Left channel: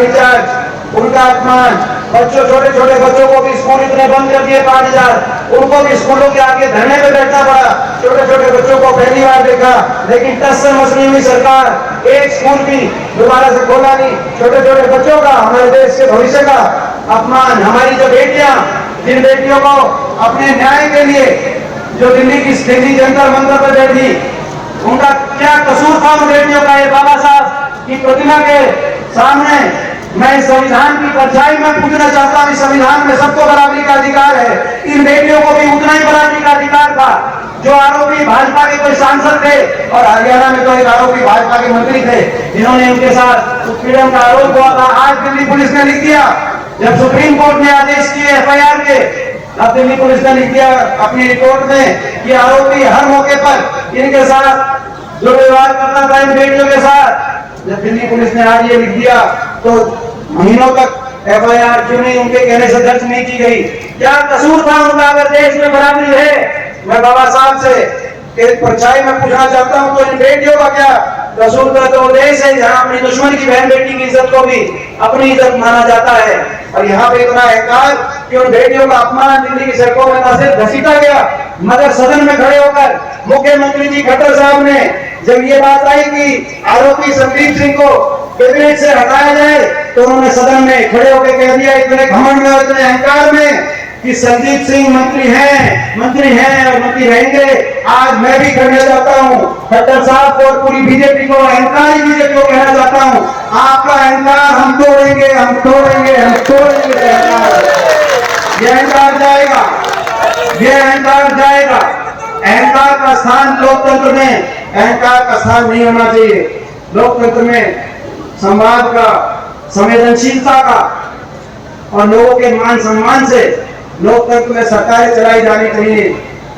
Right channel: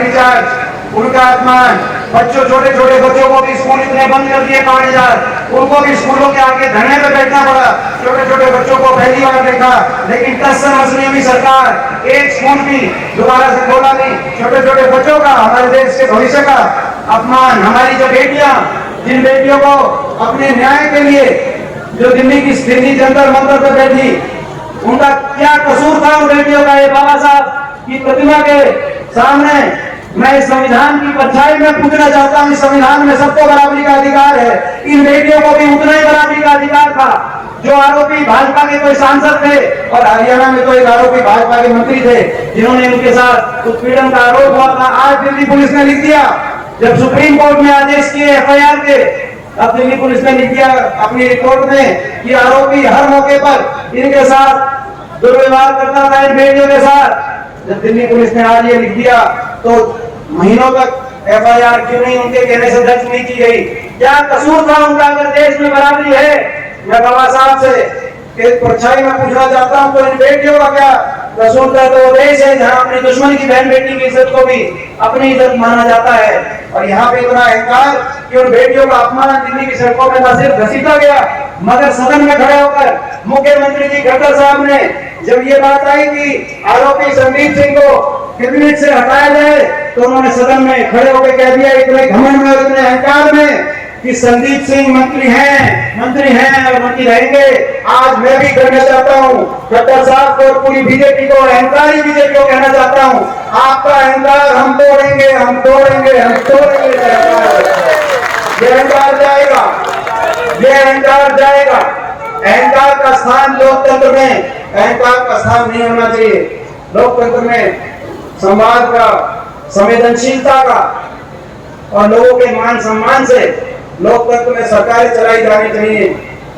लाठीचार्ज, उनका अपमान, बच्चों छोटे छोटे बच्चों को भी स्कूल इतने बंद कर दिए 5000, उनको भी स्कूलों के आगे धरने पे बैठना पड़ा। छोटे छोटे बच्चों को पहली बार देखा, लेकिन कस समझ नहीं हुई सरकार, एक स्कूल भी दोबारा से खोला नहीं। छोटे छोटे बच्चों का, हमारे देश के भविष्य का अपमान। हमारी जो बेटियां, जिन बेटियों को अपने न्याय के लिए जो दिल्ली जंतर मंतर पर बैठी, उनका क्या कसूर था उन बेटियों का? ये बाबा साहब की प्रतिमा के सामने मैं इस संविधान की परछाई में पूछना चाहता हूं, इस संविधान में सबको बराबरी का अधिकार है, इन बेटियों को भी उतना ही बराबरी का अधिकार था। जो आरोपी भाजपा के कोई सांसद थे, और हरियाणा में तो एक आरोपी भाजपा के मंत्री थे जिन्होंने इनके साथ उत्पीड़न का आरोप हुआ था, आज दिल्ली पुलिस ने लिख दिया, जब सुप्रीम कोर्ट ने आदेश किए FIR के, अब दिल्ली पुलिस ने लिख दिया अपनी रिपोर्ट में कि आरोपी हर मौके पर इनके साथ दुर्व्यवहार करता था, इन बेटियों के साथ। जब दिल्ली पुलिस ने आज ये लिख दिया तो महीनों तक FIR क्यों नहीं उनके कहने से दर्ज नहीं की गई? क्या कसूर था उनका? अगर देश में बराबरी है, मैं बाबा साहब से एक परछाई में पूछना चाहता हूं, तो इन बेटियों का क्या कसूर था? तो देश है जहां अपनी दुश्मन की बहन बेटी की इज्जत को भी अपनी इज्जत माना जाता है, और यहाँ पे इतना अहंकार कि उन बेटियों का अपमान दिल्ली की सड़कों में न सिर्फ घसीटा गया, मगर सदन में खड़े होकर मुख्यमंत्री जी खट्टर साहब ने जब ये बात आई कि आरोपी संदीप सिंह को कैबिनेट से हटाया जाए, तो उन्होंने सदन में खड़े होकर कह दिया इतने घमंड में और इतने अहंकार में कि संदीप सिंह मंत्री हैं और मंत्री रहेंगे। आज मैं भी कहना चाहता हूं खट्टर साहब को और पूरी बीजेपी को, अहंकारी बीजेपी को कहना चाहता हूं, आपका अहंकार हम तोड़ेंगे। ये अहंकार जाएगा, अहंकार का स्थान लोकतंत्र में, अहंकार का स्थान नहीं होना चाहिए। लोकतंत्र में संवाद का, संवेदनशीलता का और लोगों के मान सम्मान से लोकतंत्र में सरकारें चलाई जानी चाहिए।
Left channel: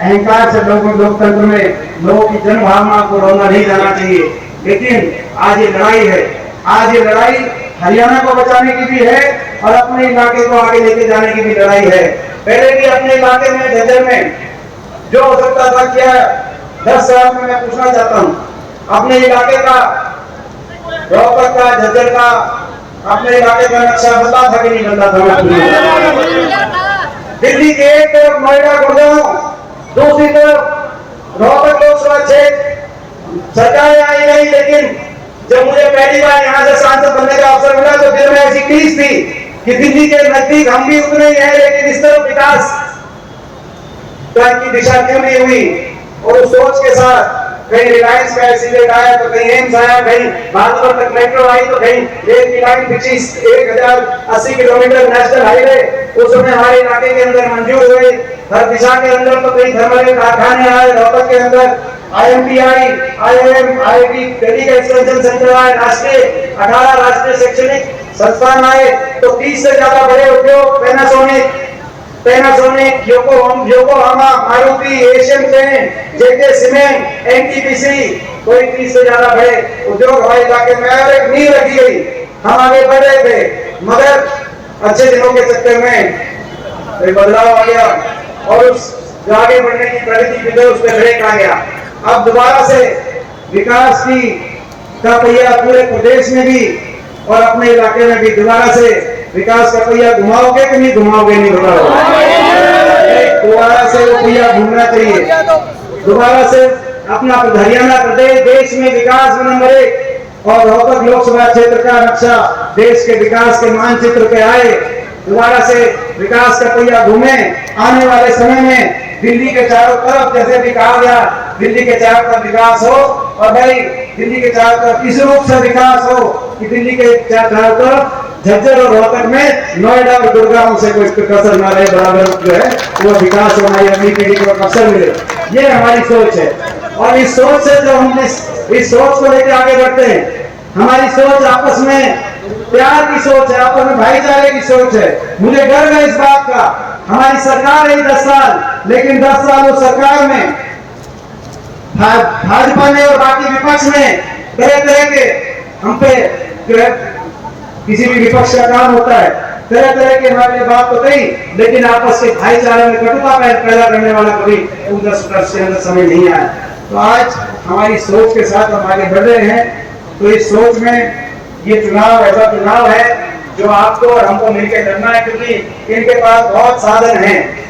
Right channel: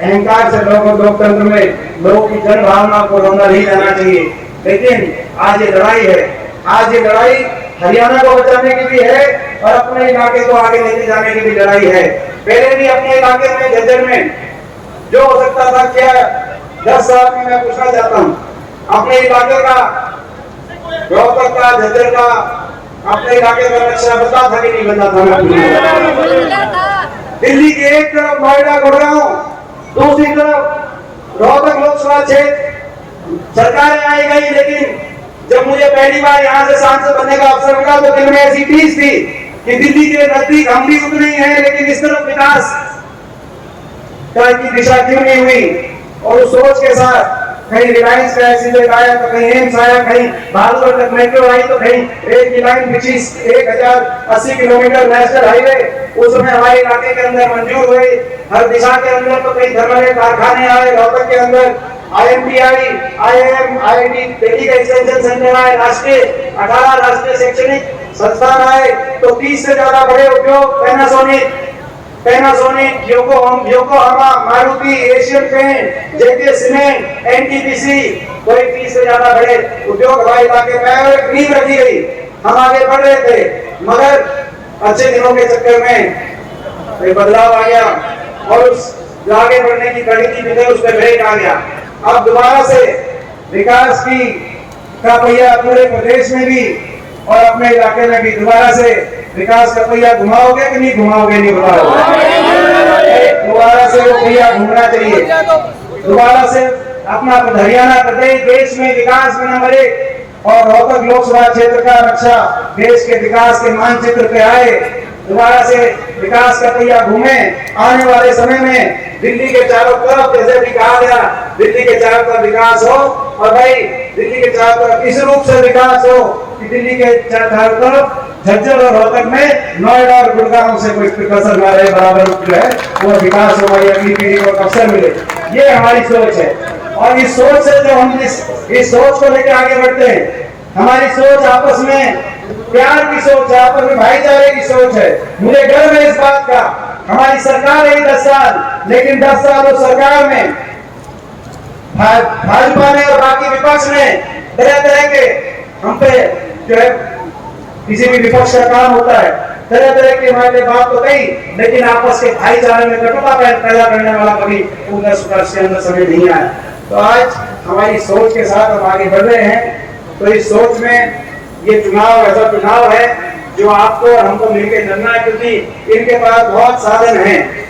अहंकार से लोकतंत्र में लोगों की जन भावना को रोना नहीं जाना चाहिए। लेकिन आज ये लड़ाई है, आज ये लड़ाई हरियाणा को बचाने की भी है और अपने इलाके को आगे लेके जाने की भी लड़ाई है। पहले भी अपने इलाके में, झज्जर में जो हो सकता था क्या 10 साल में, मैं पूछना चाहता हूं अपने इलाके का, रोहतक का, झज्जर का, अपने इलाके का नक्शा बता था कि नहीं बता था? दिल्ली के एक तरफ नोएडा गुड़गांव, दूसरी तरफ रोहतक लोकसभा क्षेत्र, सरकारें आई गई, लेकिन जब मुझे पहली बार यहाँ से सांसद बनने का अवसर मिला तो दिल में ऐसी टीस थी कि दिल्ली के नजदीक हम भी उतने ही हैं, लेकिन इस तरफ विकास की दिशा क्यों नहीं हुई? और उस सोच के साथ कहीं रिलायंस का एक्सीडेंट आया, तो कहीं एम्स आया, कहीं भागलपुर तक मेट्रो आई, तो कहीं रेल की लाइन बिछी 1080 किलोमीटर नेशनल हाईवे उस समय हमारे इलाके के अंदर मंजूर हुई। हर दिशा के अंदर तो कई थर्मल कारखाने आए, रोहतक के अंदर IMTI, IIM, IIT, दिल्ली का एक्सटेंशन सेंटर आए, 18 राष्ट्रीय शैक्षणिक संस्थान आए, तो 30 से ज्यादा बड़े उद्योग, Panasonic, Yokohama, Maruti, Asian paint, JK cement, NTPC, कोई 30 से ज्यादा बड़े उद्योग हमारे इलाके में आए और एक नींव रखी गई। हम आगे बढ़ रहे थे, मगर अच्छे दिनों के चक्कर में बदलाव आ गया और उस आगे बढ़ने की प्रगति भी उस पर ब्रेक आ गया। अब दोबारा से विकास का पहिया पूरे प्रदेश में भी और अपने इलाके में भी दोबारा से विकास का पहिया घुमाओगे कि नहीं घुमाओगे? नहीं बताओ। दोबारा से वो पहिया घूमना चाहिए, दोबारा से अपना हरियाणा प्रदेश देश में विकास में नंबर 1 और रोहतक लोकसभा क्षेत्र का नक्शा देश के विकास के मानचित्र पे आए। दोबारा से विकास का पहिया घूमे। आने वाले समय में दिल्ली के चारों तरफ, जैसे भी कहा गया, दिल्ली के चारों तरफ विकास हो, और भाई दिल्ली के चारों तरफ इस रूप से विकास हो कि दिल्ली के चारों तरफ झज्जर और रोहतक में नोएडा और गुड़गांव से कोई कसर ना रहे, बराबर जो है वो विकास हमारी अगली पीढ़ी को अवसर मिले। ये हमारी सोच है और इस सोच से जो हम इस सोच को लेकर आगे बढ़ते हैं, हमारी सोच आपस में प्यार की सोच है, आपस में भाईचारे की सोच है। मुझे गर्व है इस बात का। हमारी सरकार है 10 साल, लेकिन 10 साल उस सरकार में भाजपा ने और बाकी विपक्ष ने तरह तरह के हम पे जो है, किसी भी विपक्ष का काम होता है, तरह तरह की हमारे लिए बात तो कही, लेकिन आपस के भाईचारे में कटुता पैदा करने वाला कभी के अंदर समय नहीं आया। तो आज हमारी सोच के साथ हम आगे बढ़ रहे हैं। तो इस सोच में ये चुनाव ऐसा चुनाव है जो आपको और हमको मिलकर करना है, क्योंकि इनके पास बहुत साधन हैं।